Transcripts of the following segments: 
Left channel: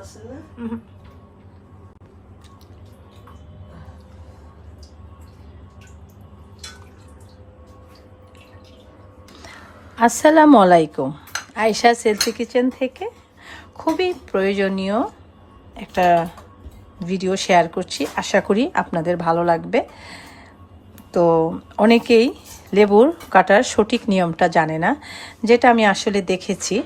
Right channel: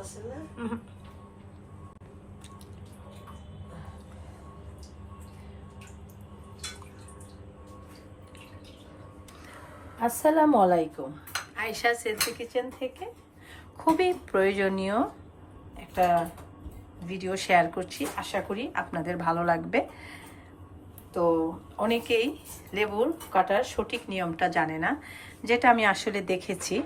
খাইতেছেন না আসসালামু আলাইকুম আয়শা সেলফি কিচেন থেকে খুবই প্রয়োজনীয় একটা ভিডিও শেয়ার করছি। আশা করি আপনাদের ভালো লাগবে। তো অনেকেই লেবুর কাটার সঠিক নিয়মটা জানে না যেটা আমি আসলে দেখেছি।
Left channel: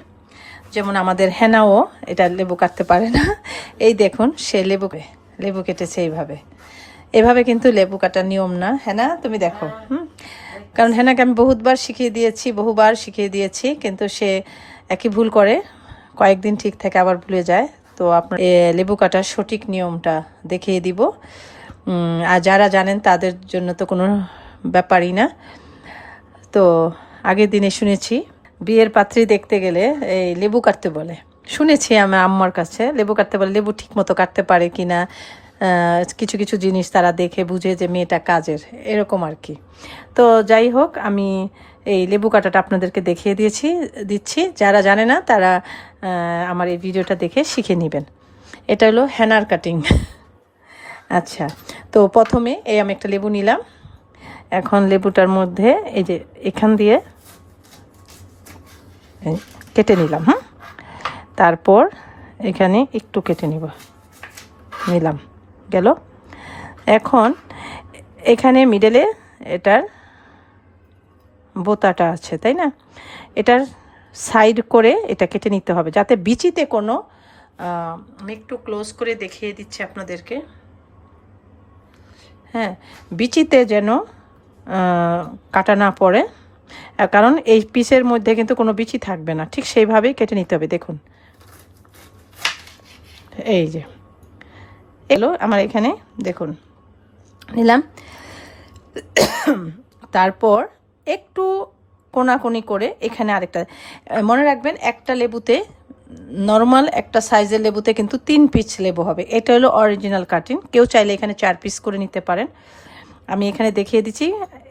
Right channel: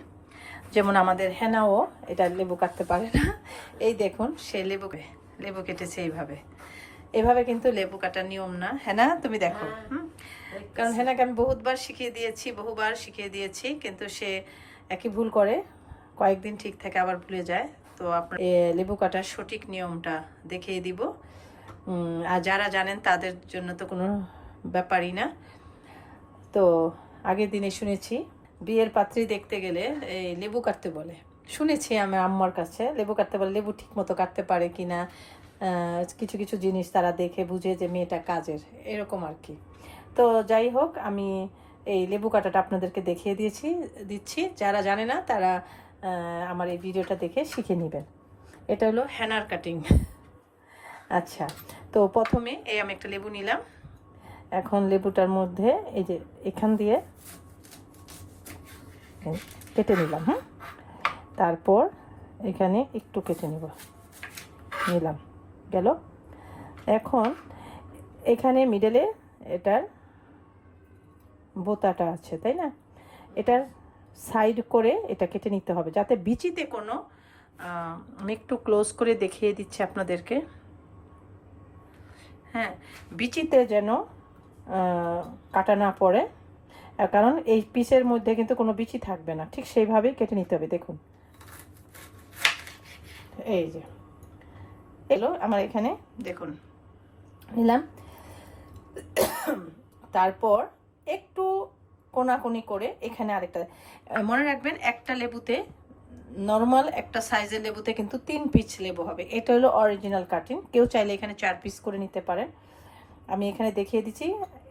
যেমন আমাদের হেনাও এটা লেবু কাটতে পারে না। এই দেখুন, সে লেবু লেবু কেটেছে এইভাবে। এভাবে কিন্তু লেবু কাটার নিয়ম না। হেনা, তুমি দেখো, হুম? কারণ হেনাকে আমি বহুতবার শিখিয়ে দিয়েছি, বহুবার শিখিয়ে দিয়েছি, কিন্তু সে একই ভুল করে। কয়েকদিন ঠিক থাকে আবার ভুলে যায়। তো আপনার লেবু কাটার সঠিক নিয়মটা দেখিয়ে দিব। আর যারা জানেন তাদের জন্য তো কোনো ব্যাপারই না। তো আগের দিনে শুনেছি বিয়ের পাত্রী দেখতে গেলে এই লেবু কাটতে বলে। শুনেছি আমার আম্মার কাছে, লেবু কাটতে বলে লেবু ঠিক মতো কাটতে পারে কি না কিছু কিছু জিনিস তারা দেখে বুঝে যে মেয়েটা কাজের, এরকম আর কি। তো যাই হোক, আমি এই লেবু কাটাটা আপনাদেরকে দেখিয়ে দিয়েছি, দিচ্ছি। যারা জানে না, তারা আমার এই ভিডিওটা দেখে শিখে নেবেন। এটা হলো হ্যানার কাটিং। আচ্ছা তো প্রথমে এই আমি একটা লেবু নিলাম। এখন লেবুটার মধ্যে এই যে এখান দিয়ে কেটে নিলাম হ্যাঁ? তারপর এখানে একটু কেটে নিব। নিলাম, গেল? এখন এখানে মিডলে এটার বোতাটা আছে, তাই না? এটার সাইড করে এটা কেটে নিতে হবে, যাতে বিচিতে কোনো আমি একটু ক্লোজ করে দেখিয়ে দিচ্ছি আপনাদেরকে। হ্যাঁ বিচিতে যেন কাটা না পড়ে। কারণ এই পিসের মধ্যে কিন্তু কোনো বিচি থাকবে না। ঠিক সেইভাবেই কেটে নিতে হবে, দেখুন। এই যে। এলো আমার এখানে, দেখুন। নিলাম। তারপর একটু কোনাকুনি করে এখানে আরেকটা মনে রাখবেন একটা লেবুতে, নর্মাল একটা সাইজের লেবুতে কিন্তু তিন পিস লেবু হবে। এটা হলো অরিজিনাল কাটিং কেউ চাইলে এখানে চার পিস করে নিতে পারেন। আমি এখানে দেখিয়ে দিচ্ছি।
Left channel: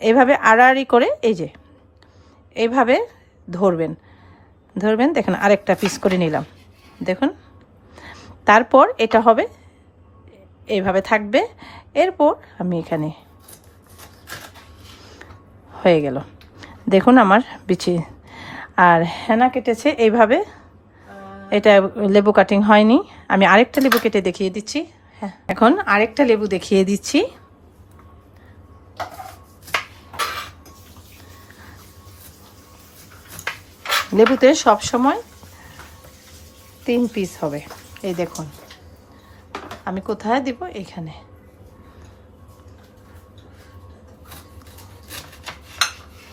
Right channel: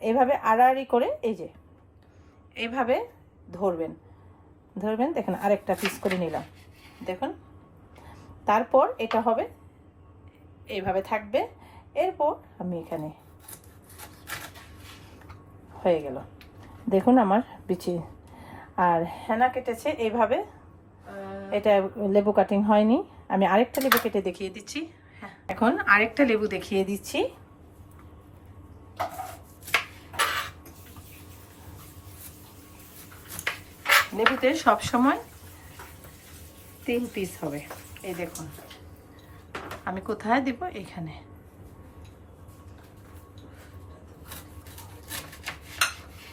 এভাবে আড়াআড়ি করে, এই যে। এইভাবে ধরবেন। ধরবেন, দেখেন আরেকটা পিস করে নিলাম। দেখুন, তারপর এটা হবে এইভাবে থাকবে। এরপর আমি এখানে হয়ে গেল। দেখুন আমার বিচি। আর হেনা কেটেছে এইভাবে। এটা লেবু কাটিং হয়নি। আমি আরেকটা লেবু কেটে দেখিয়ে দিচ্ছি। হ্যাঁ। এখন আরেকটা লেবু দেখিয়ে দিচ্ছি। লেবুতে সব সময় তিন পিস হবে। এই দেখুন। আমি কোথায় দিব? এখানে।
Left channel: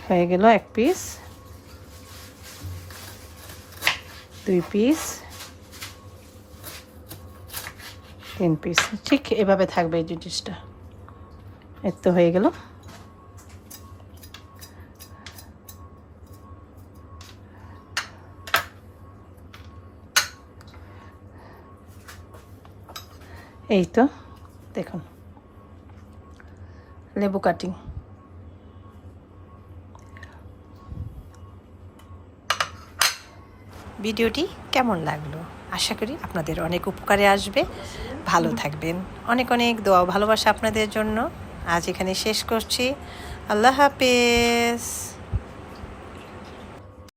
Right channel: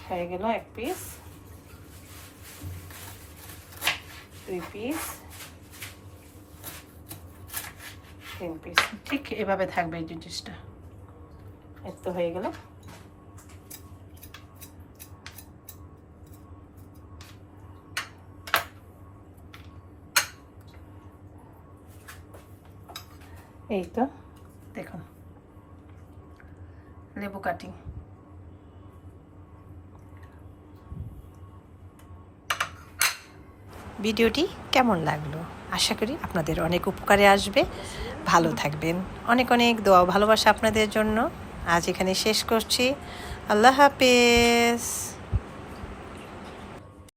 হয়ে গেল এক পিস দুই পিস তিন পিস ঠিক এভাবে থাকবে এই জিনিসটা। এর তো হয়ে গেল। এই তো, দেখুন। লেবু কাটিং। ভিডিওটি কেমন লাগল? আশা করি আপনাদের অনেক উপকারে আসবে। ভালো থাকবেন। অনেক অনেক দোয়া ভালোবাসা আপনাদের জন্য। আজ এখানে শেষ করছি। আল্লাহ হাফেজ।